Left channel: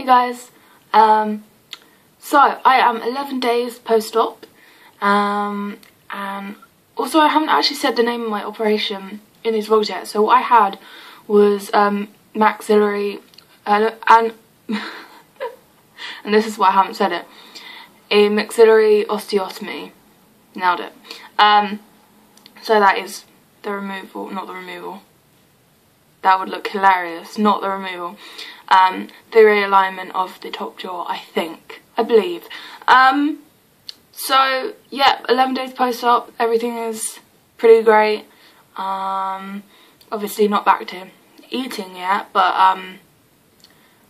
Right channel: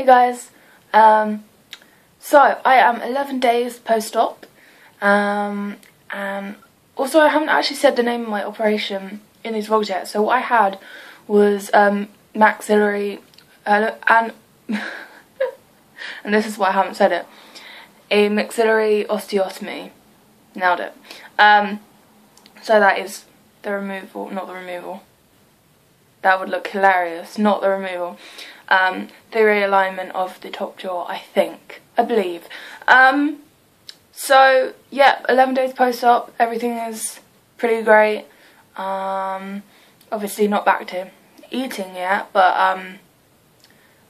Hey guys, so I am 11 days post-op, and also I haven't actually said the name of my operation in these vlogs yet. So what I had was maxillary, and this is why I haven't said it, a maxillary osteotomy. Nailed it. So that is the removal, not the removal. That would look hilarious, not the removal. The realignment of the top jaw, I believe. So, yeah, 11 days post-op, everything is pretty great. Obviously not back to eating yet, but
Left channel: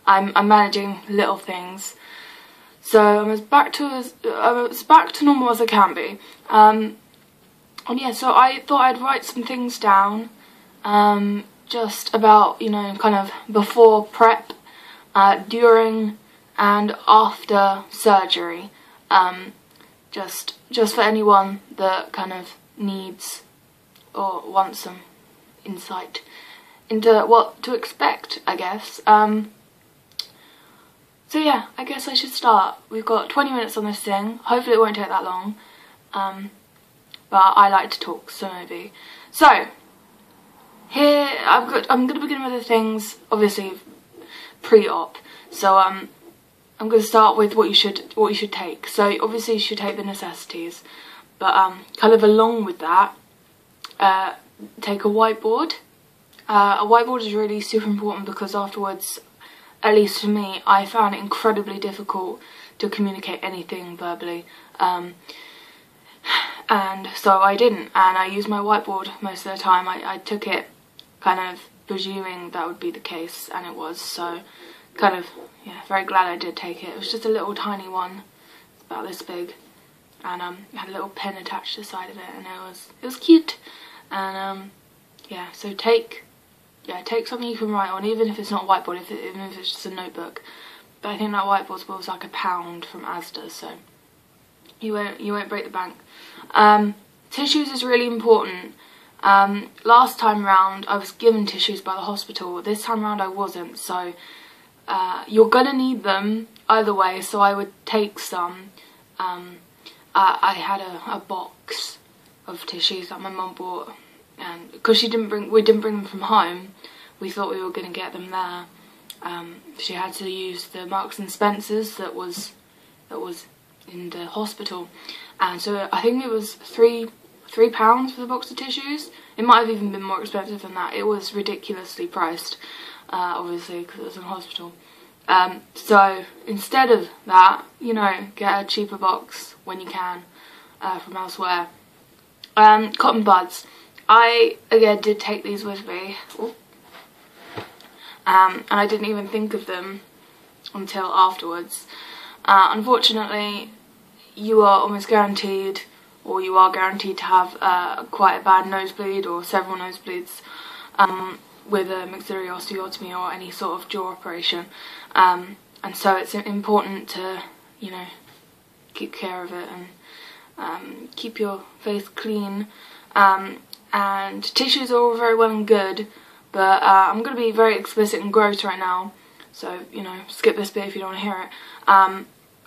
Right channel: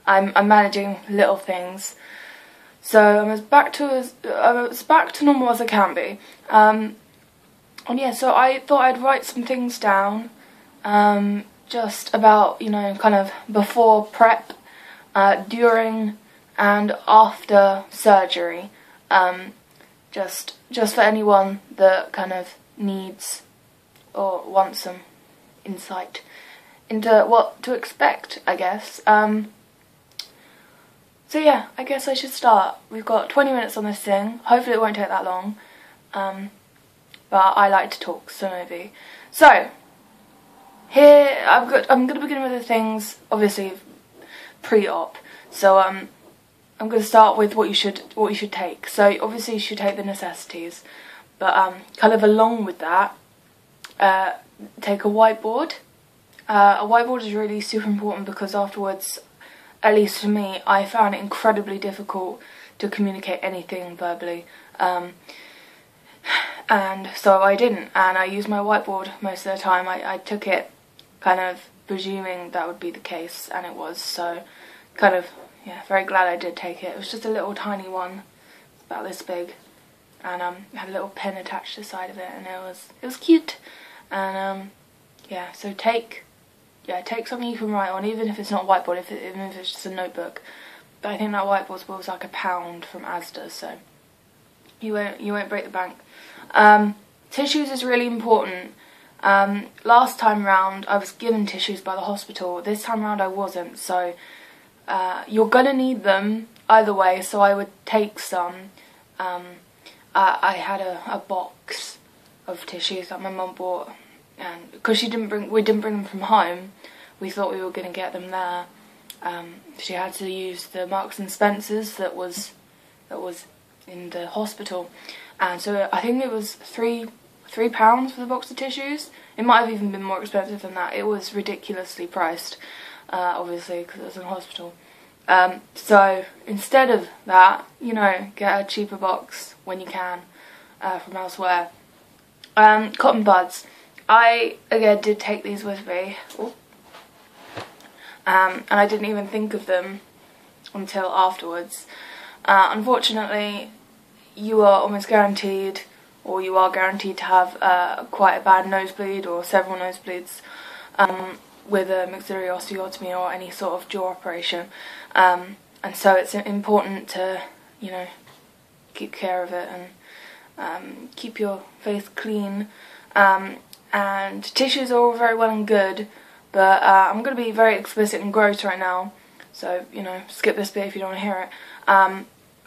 I'm managing little things. So I'm as back to normal as I can be. And yeah, so I thought I'd write some things down, just about, you know, kind of before prep, during and after surgery, just for anyone that kind of needs or wants some insight into what to expect, I guess. So yeah, I guess I should start. We've got 20 minutes on this thing. Hopefully it won't take that long. But I like to talk, so maybe. So here I'm going to begin with the things, obviously pre-op. So I'm going to start with what you should take. So obviously you should take the necessities, but kind of along with that, take a whiteboard. A whiteboard is really super important because afterwards, at least for me, I found it incredibly difficult to communicate anything verbally. And so I didn't, and I used my whiteboard most of the time. I took it kind of presuming that would be the case, and it was, so kind of, yeah, very glad I did take it. It was just a little tiny one, about this big, and it had a little pen attached to the side of it, and it was cute. And yeah, so take something you can write on, even if it's not a whiteboard, even if it's just a notebook. But I think that whiteboard was like £1 from Asda, so you won't break the bank. Tissues is really important. Last time round I was given tissues by the hospital. This time round I wasn't, so you're gonna need them either way, so I would take some. I had a box of tissues that my mum bought, and because we didn't bring them from home, we thought we were gonna get them there. She had to use the Marks and Spencer's that was in the hospital, and so I think it was £3 for the box of tissues. It might have even been more expensive than that. It was ridiculously priced, obviously, because it was in hospital. So instead of that, you know, get a cheaper box when you can from elsewhere. Cotton buds. I, again, did take these with me. And I didn't even think of them until afterwards. Unfortunately, you are almost guaranteed, or you are guaranteed to have quite a bad nosebleed or several nosebleeds with a maxillary osteotomy or any sort of jaw operation. And so it's important to, you know, keep care of it and keep your face clean. And tissues are all very well and good, but I'm going to be very explicit and gross right now, so, you know, skip this bit if you don't want to hear it.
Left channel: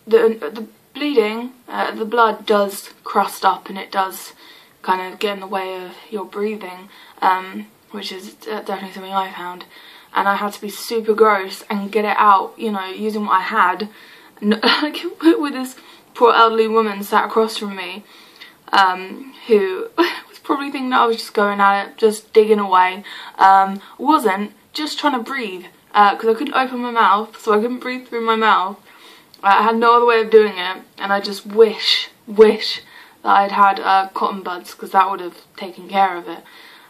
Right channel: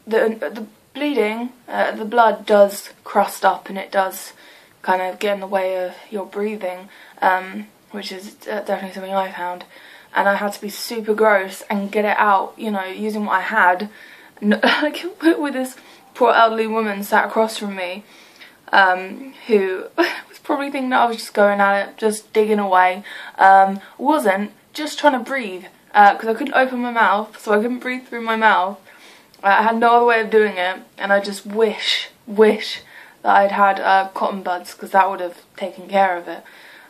The bleeding, the blood does crust up, and it does kind of get in the way of your breathing, which is definitely something I found. And I had to be super gross and get it out, you know, using what I had. Like, with this poor elderly woman sat across from me, who was probably thinking that I was just going at it, just digging away. Wasn't, just trying to breathe, because I couldn't open my mouth, so I couldn't breathe through my mouth. I had no other way of doing it, and I just wish that I'd had cotton buds, because that would have taken care of it.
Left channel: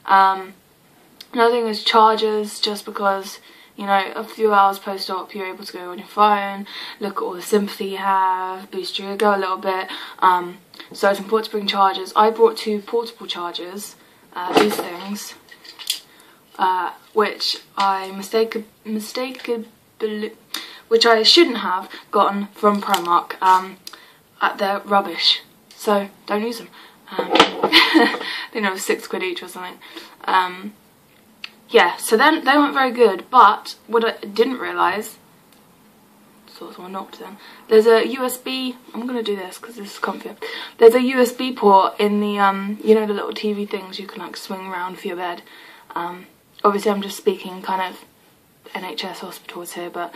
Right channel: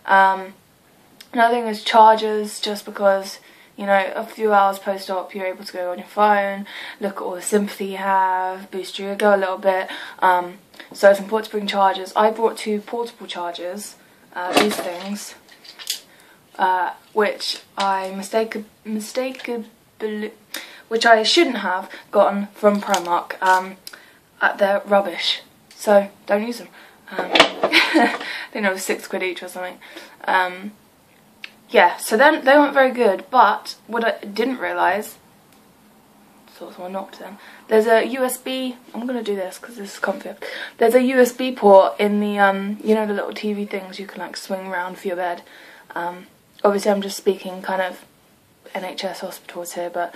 Another thing is chargers, just because, you know, a few hours post-op you're able to go on your phone, look at all the sympathy you have, boost your ego a little bit. So it's important to bring chargers. I brought 2 portable chargers, these things, which I which I shouldn't have gotten from Primark. They're rubbish, so don't use them. I think it was £6 each or something. Yeah, so then they weren't very good, but what I didn't realise thought someone knocked then. There's a USB, I'm going to do this because this is comfy. There's a USB port in the, you know, the little TV things you can like swing around for your bed. Obviously I'm just speaking kind of NHS hospitals here, but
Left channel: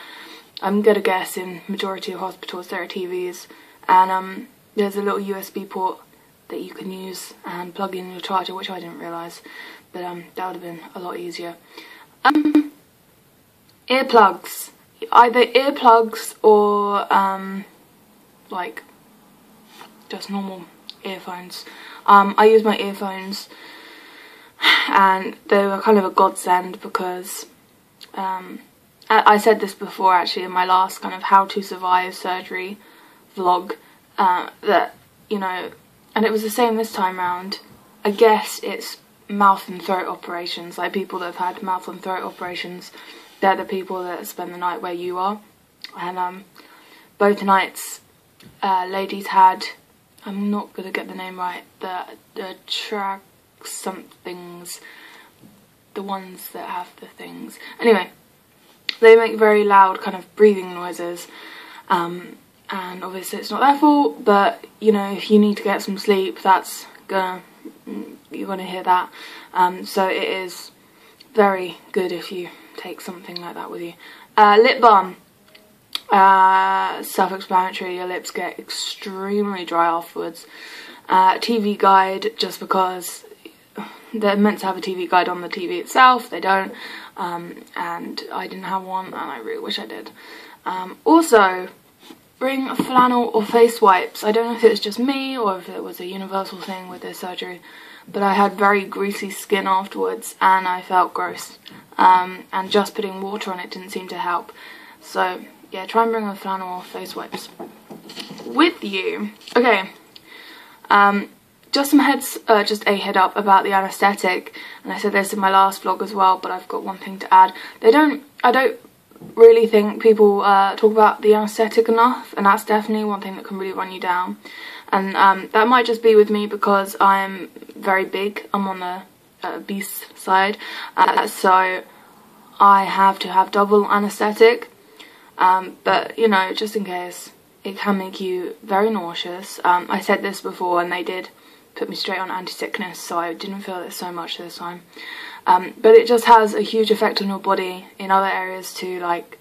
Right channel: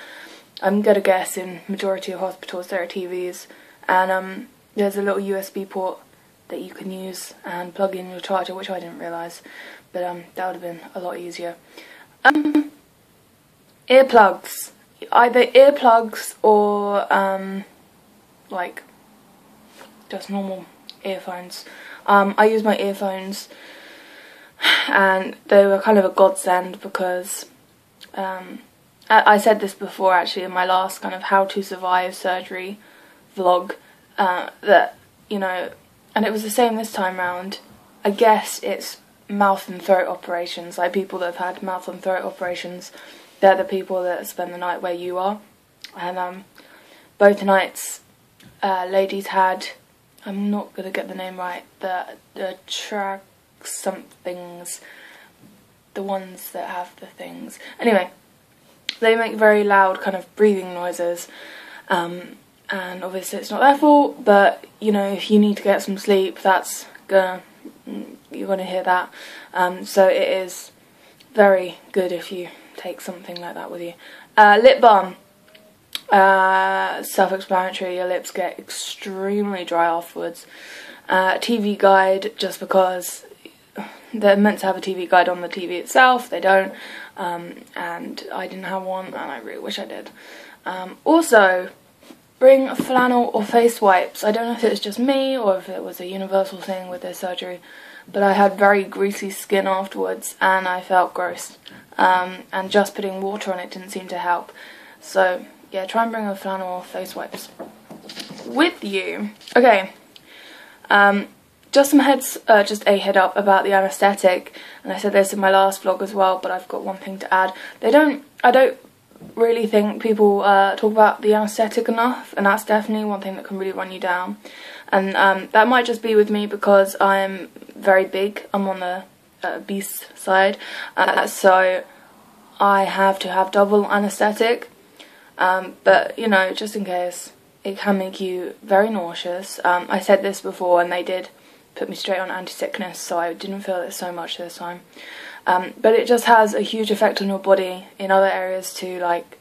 I'm going to guess in majority of hospitals there are TVs. And there's a little USB port that you can use and plug in your charger, which I didn't realise. But that would have been a lot easier. Earplugs. Either earplugs or like just normal earphones. I use my earphones and they were kind of a godsend because I said this before actually in my last kind of how to survive surgery vlog, that, you know, and it was the same this time round. I guess it's mouth and throat operations, like people that have had mouth and throat operations, they're the people that spend the night where you are. And both nights ladies had, I'm not going to get the name right, the track somethings, the ones that have the things. Anyway, they make very loud kind of breathing noises. And obviously it's not their fault, but you know, if you need to get some sleep, that's you're gonna hear that. So it is very good if you take something like that with you. Lip balm. Self-explanatory, your lips get extremely dry afterwards. TV guide, just because they're meant to have a TV guide on the TV itself, they don't. And I didn't have one, and I really wish I did. Also, bring flannel or face wipes. I don't know if it was just me or if it was a universal thing with this surgery, but I had very greasy skin afterwards and I felt gross. And just putting water on it didn't seem to help. So yeah, try and bring a flannel or face wipes with you. Okay, just a head up about the anaesthetic, and I said this in my last vlog as well, but I've got one thing to add. I don't really think people talk about the anaesthetic enough, and that's definitely one thing that can really run you down. And that might just be with me because I'm very big. I'm on the obese side, so I have to have double anaesthetic. But you know, just in case, it can make you very nauseous. I said this before, and they did put me straight on anti-sickness, so I didn't feel it so much this time. But it just has a huge effect on your body in other areas too, like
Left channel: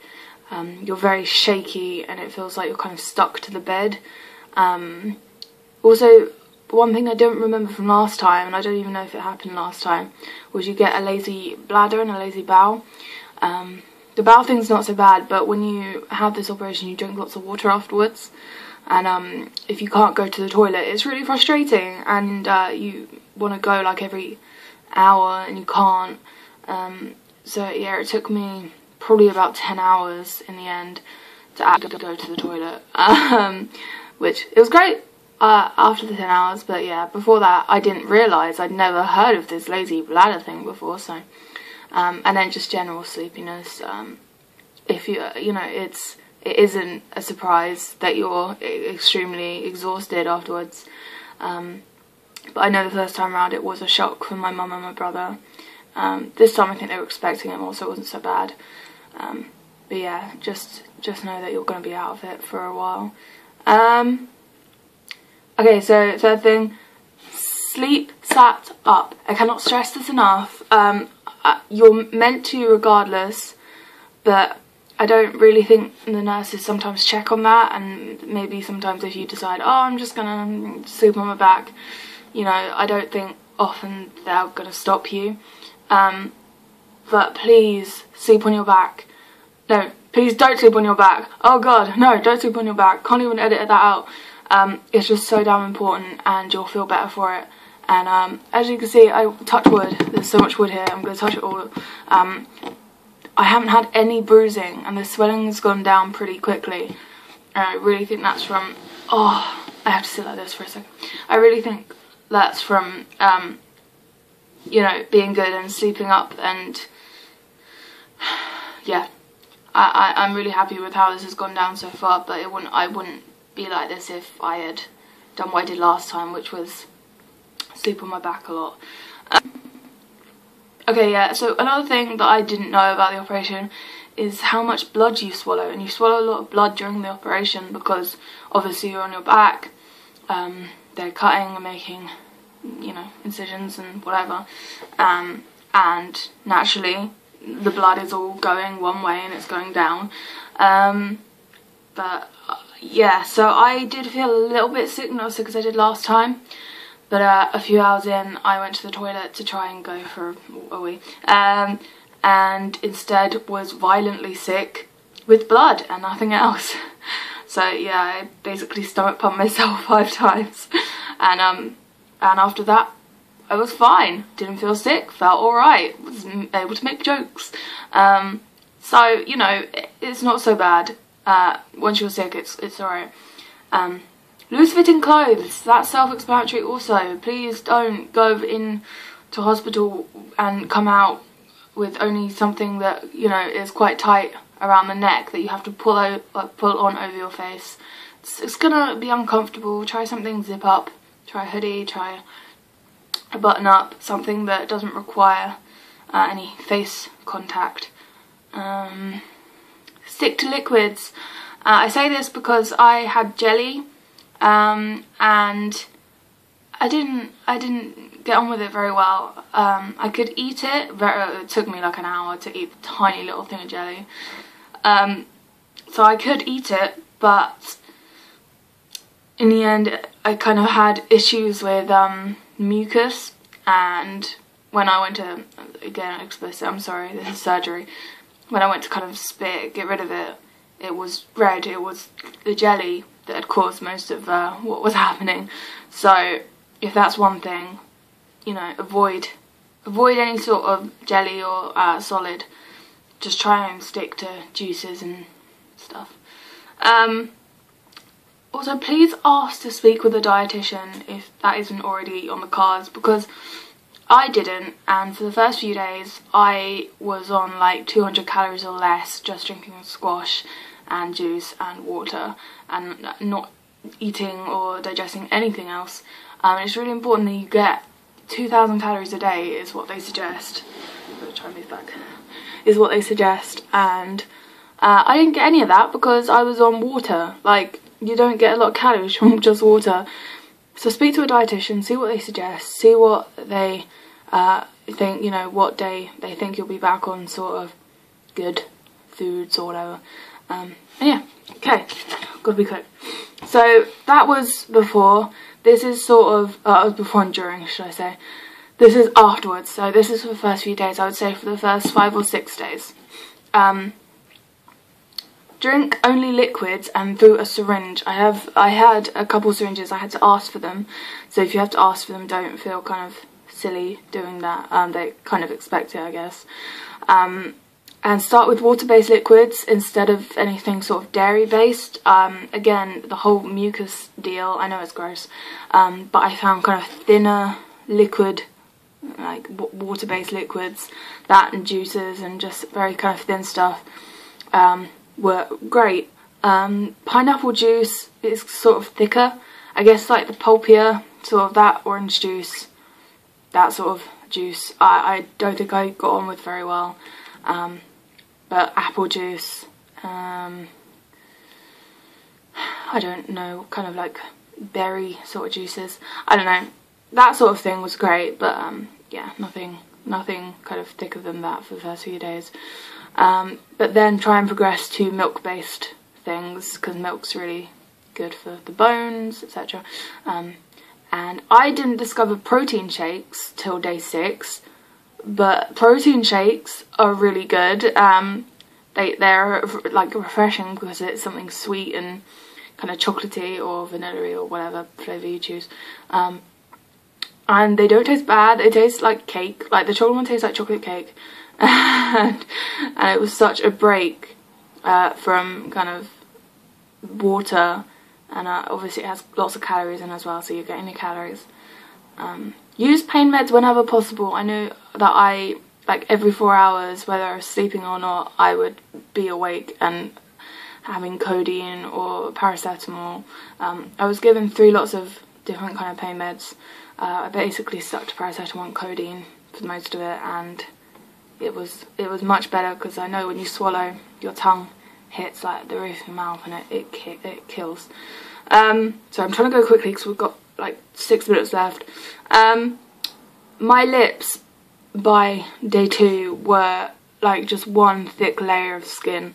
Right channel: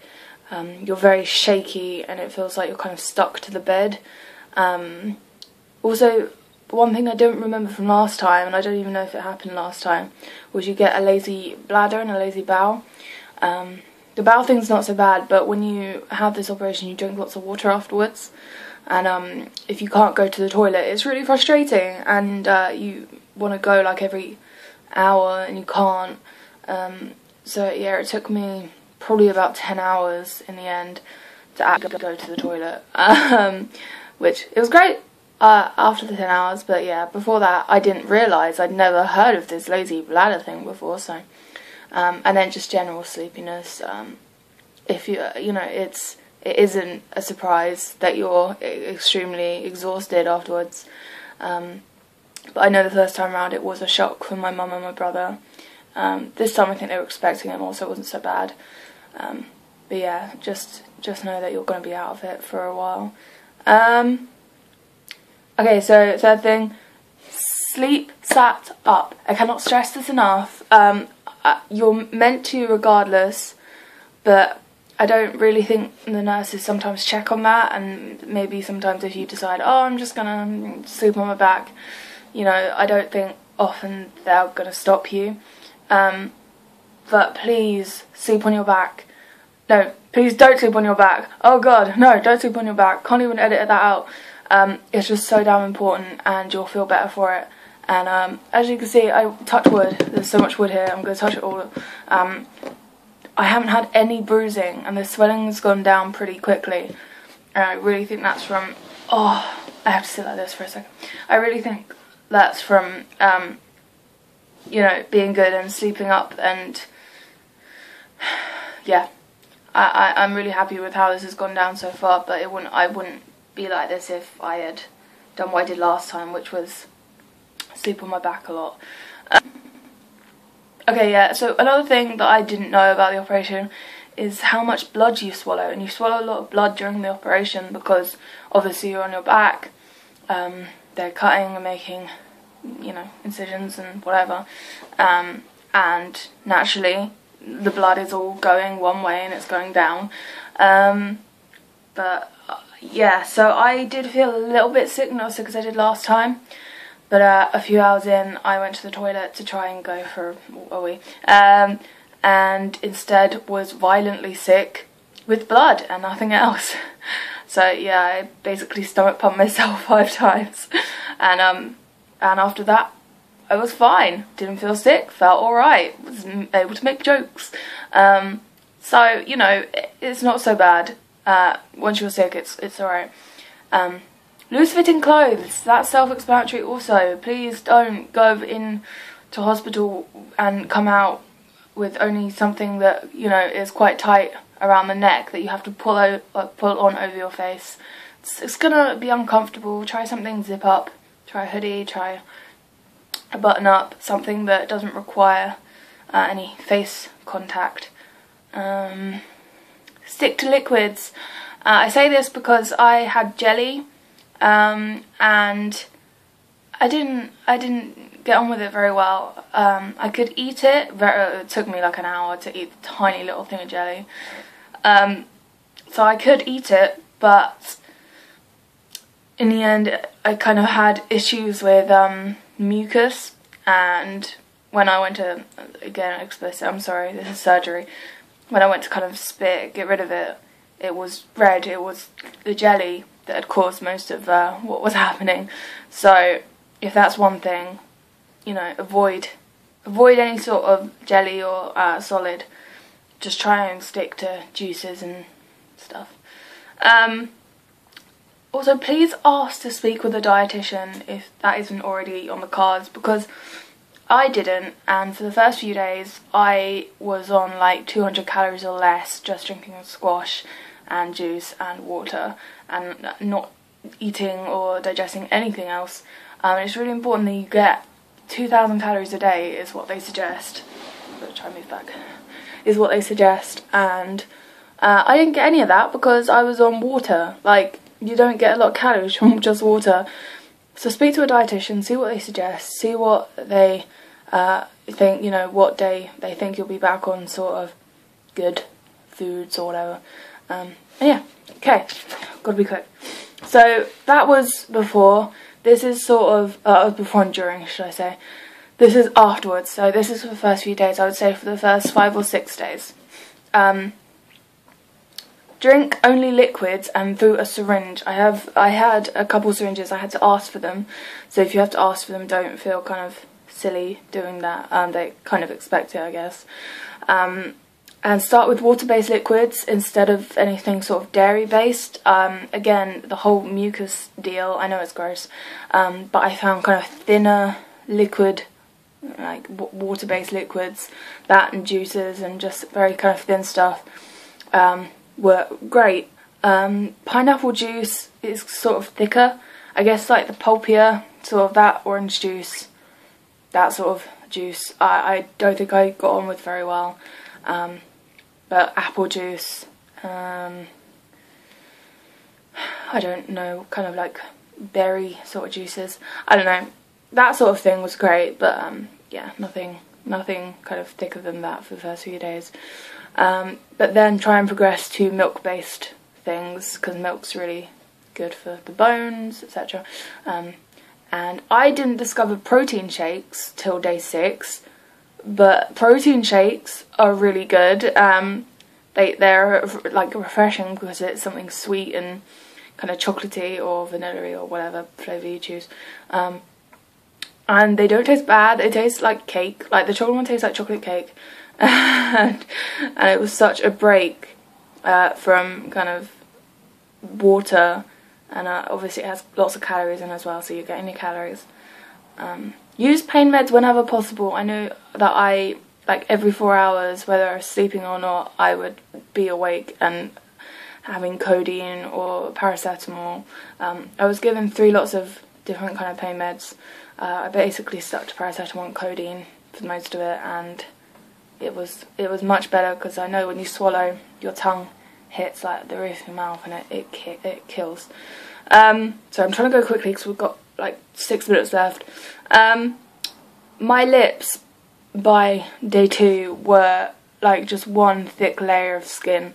you're very shaky and it feels like you're kind of stuck to the bed. Also, one thing I don't remember from last time, and I don't even know if it happened last time, was you get a lazy bladder and a lazy bowel. The bowel thing's not so bad, but when you have this operation you drink lots of water afterwards, and if you can't go to the toilet it's really frustrating, and you want to go like every hour and you can't. So yeah, it took me probably about 10 hours in the end to actually go to the toilet, which it was great after the 10 hours, but yeah, before that I didn't realise, I'd never heard of this lazy bladder thing before. So and then just general sleepiness. If you know, it isn't a surprise that you're extremely exhausted afterwards. But I know the first time around it was a shock for my mum and my brother. This time I think they were expecting it more, so it wasn't so bad. But yeah, just know that you're going to be out of it for a while. Okay, so third thing, sleep sat up. I cannot stress this enough. You're meant to regardless, but I don't really think the nurses sometimes check on that, and maybe sometimes if you decide, oh, I'm just going to sleep on my back, you know, I don't think often they're going to stop you. But please sleep on your back. No, please don't sleep on your back. Oh god, no, don't sleep on your back. Can't even edit that out. It's just so damn important, and you'll feel better for it. And as you can see, I touch wood. There's so much wood here. I'm going to touch it all. I haven't had any bruising, and the swelling's gone down pretty quickly. And I really think that's from... Oh, I have to sit like this for a second. I really think that's from, you know, being good and sleeping up, and yeah, I'm really happy with how this has gone down so far. But I wouldn't be like this if I had done what I did last time, which was sleep on my back a lot. Okay, yeah, so another thing that I didn't know about the operation is how much blood you swallow, and you swallow a lot of blood during the operation because obviously you're on your back, they're cutting and making, you know, incisions and whatever, and naturally the blood is all going one way and it's going down, but yeah, so I did feel a little bit sick, not as sick as I did last time, but a few hours in I went to the toilet to try and go for a wee, and instead was violently sick with blood and nothing else. So yeah, I basically stomach pumped myself 5 times, and after that I was fine, didn't feel sick, felt alright, was able to make jokes. So, you know, it's not so bad. Once you're sick, it's alright. Loose fitting clothes, that's self-explanatory also. Please don't go in to hospital and come out with only something that, you know, is quite tight around the neck that you have to pull on over your face. It's gonna be uncomfortable. Try something zip up, try a hoodie, try a button up, something that doesn't require any face contact. Stick to liquids. I say this because I had jelly, and I didn't get on with it very well. I could eat it. It took me like an hour to eat the tiny little thing of jelly. So I could eat it, but in the end I kind of had issues with mucus, and when I went to, again explicit, I'm sorry, this is surgery, when I went to kind of spit, get rid of it, it was red. It was the jelly that had caused most of what was happening. So if that's one thing, you know, avoid any sort of jelly or solid. Just try and stick to juices and stuff. Also, please ask to speak with a dietitian if that isn't already on the cards, because I didn't, and for the first few days I was on like 200 calories or less, just drinking squash and juice and water and not eating or digesting anything else. It's really important that you get 2,000 calories a day is what they suggest. Try and move back. Is what they suggest, and I didn't get any of that because I was on water. Like, you don't get a lot of calories from just water. So speak to a dietitian, see what they suggest, see what they think, you know, what day they think you'll be back on sort of good foods or whatever. And yeah, okay, gotta be quick. So that was before. This is sort of before and during, should I say. This is afterwards, so this is for the first few days, I would say for the first 5 or 6 days. Drink only liquids and through a syringe. I had a couple syringes, I had to ask for them. So if you have to ask for them, don't feel kind of silly doing that. They kind of expect it, I guess. And start with water-based liquids instead of anything sort of dairy-based. Again, the whole mucus deal, I know it's gross, but I found kind of thinner liquid, like water-based liquids, that and juices and just very kind of thin stuff, were great. Pineapple juice is sort of thicker, I guess, like the pulpier, sort of that orange juice, that sort of juice, I don't think I got on with very well. But apple juice, I don't know, kind of like berry sort of juices, I don't know, that sort of thing was great, but yeah, nothing kind of thicker than that for the first few days. But then try and progress to milk-based things, because milk's really good for the bones, etc. And I didn't discover protein shakes till day 6, but protein shakes are really good. They're like refreshing because it's something sweet and kind of chocolatey or vanilla-y or whatever flavour you choose. And they don't taste bad, they taste like cake, like the chocolate one tastes like chocolate cake. And it was such a break from kind of water, and obviously it has lots of calories in as well, so you're getting your calories. Use pain meds whenever possible. I know that I, like every 4 hours, whether I was sleeping or not, I would be awake and having codeine or paracetamol. I was given 3 lots of different kind of pain meds. I basically stuck to paracetamol and codeine for most of it, and it was much better, because I know when you swallow, your tongue hits like the roof of your mouth and it kills. So I'm trying to go quickly because we've got like 6 minutes left. My lips by day 2 were like just one thick layer of skin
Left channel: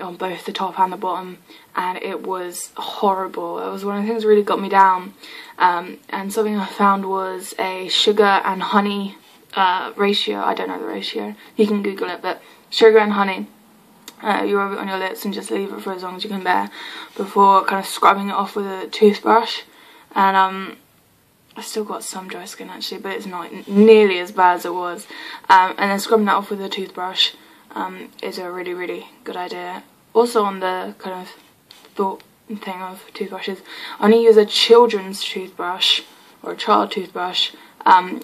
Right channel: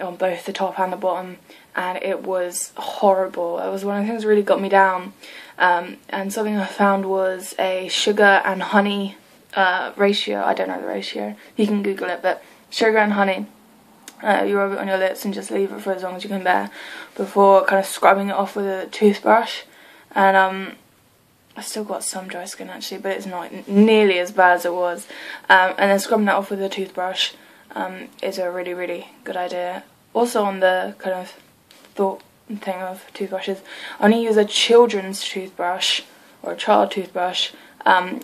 on both the top and the bottom, and it was horrible. It was one of the things that really got me down. And something I found was a sugar and honey ratio. I don't know the ratio, you can Google it, but sugar and honey, you rub it on your lips and just leave it for as long as you can bear before kind of scrubbing it off with a toothbrush. And I've still got some dry skin actually, but it's not nearly as bad as it was. And then scrubbing that off with a toothbrush is a really, really good idea. Also, on the kind of thought thing of toothbrushes, I only use a children's toothbrush or a child toothbrush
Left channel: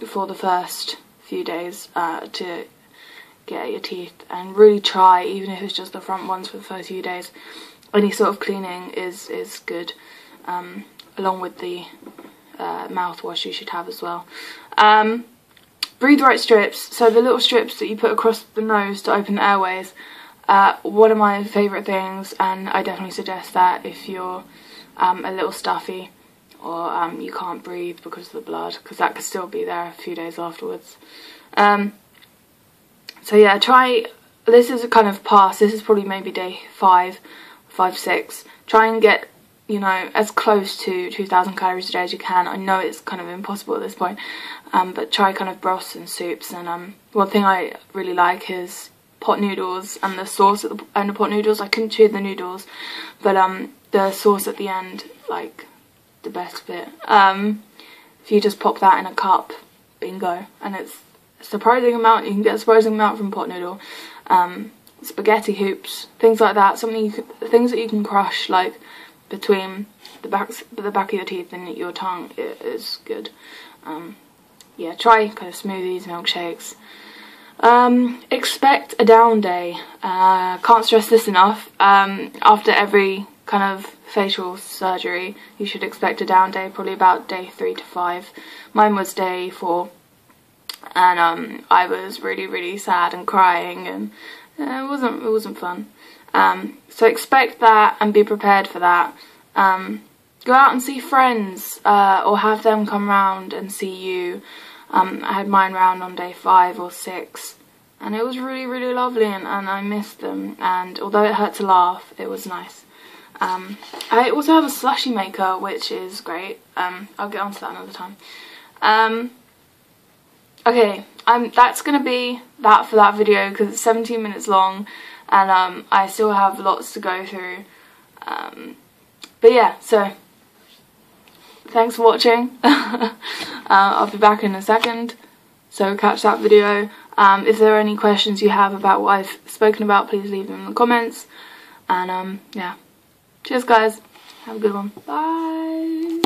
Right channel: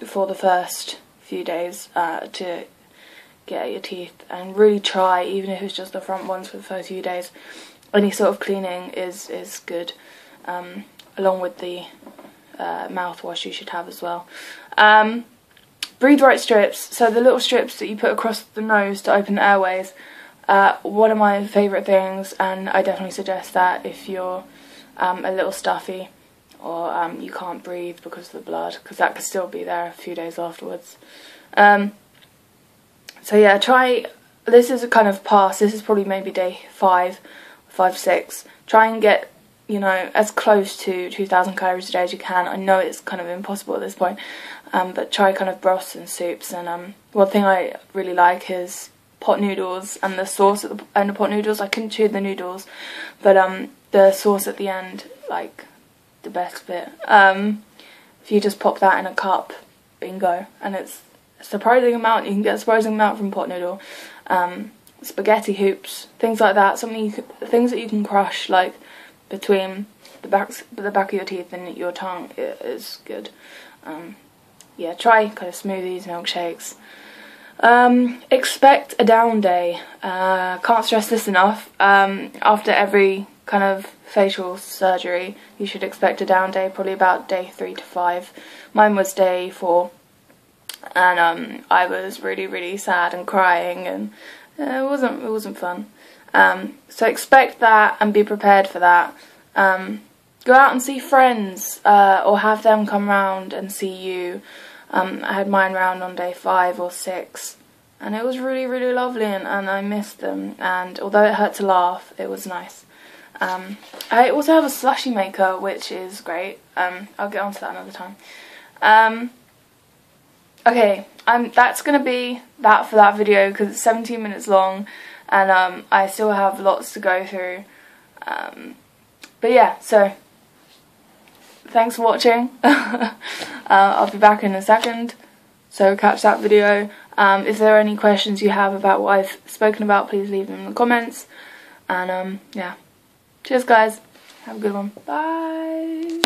for the first few days to get at your teeth, and really try, even if it's just the front ones for the first few days, any sort of cleaning is good, along with the mouthwash you should have as well. Breathe right strips, so the little strips that you put across the nose to open the airways, one of my favourite things, and I definitely suggest that if you're a little stuffy or you can't breathe because of the blood, because that could still be there a few days afterwards. So yeah, try, this is a kind of pass, this is probably maybe day 5, 6, try and get, you know, as close to 2,000 calories a day as you can. I know it's kind of impossible at this point, but try kind of broths and soups. And one thing I really like is pot noodles, and the sauce at the end of pot noodles. I couldn't chew the noodles, but the sauce at the end, like, the best bit. If you just pop that in a cup, bingo, and it's a surprising amount. You can get a surprising amount from pot noodle. Spaghetti hoops, things like that. Things that you can crush, like, between the back of your teeth and your tongue, is good. Yeah, try kind of smoothies, milkshakes. Expect a down day. Can't stress this enough. After every kind of facial surgery, you should expect a down day, probably about day 3 to 5. Mine was day 4, and I was really, really sad and crying, and it wasn't fun. So expect that and be prepared for that. Go out and see friends, or have them come round and see you. I had mine round on day 5 or 6, and it was really, really lovely, and I missed them, and although it hurt to laugh, it was nice. I also have a slushie maker, which is great. I'll get onto that another time. Okay, that's going to be that for that video, because it's 17 minutes long, and I still have lots to go through. But yeah, so thanks for watching. I'll be back in a second, so catch that video. If there are any questions you have about what I've spoken about, please leave them in the comments. And yeah, cheers guys, have a good one, bye.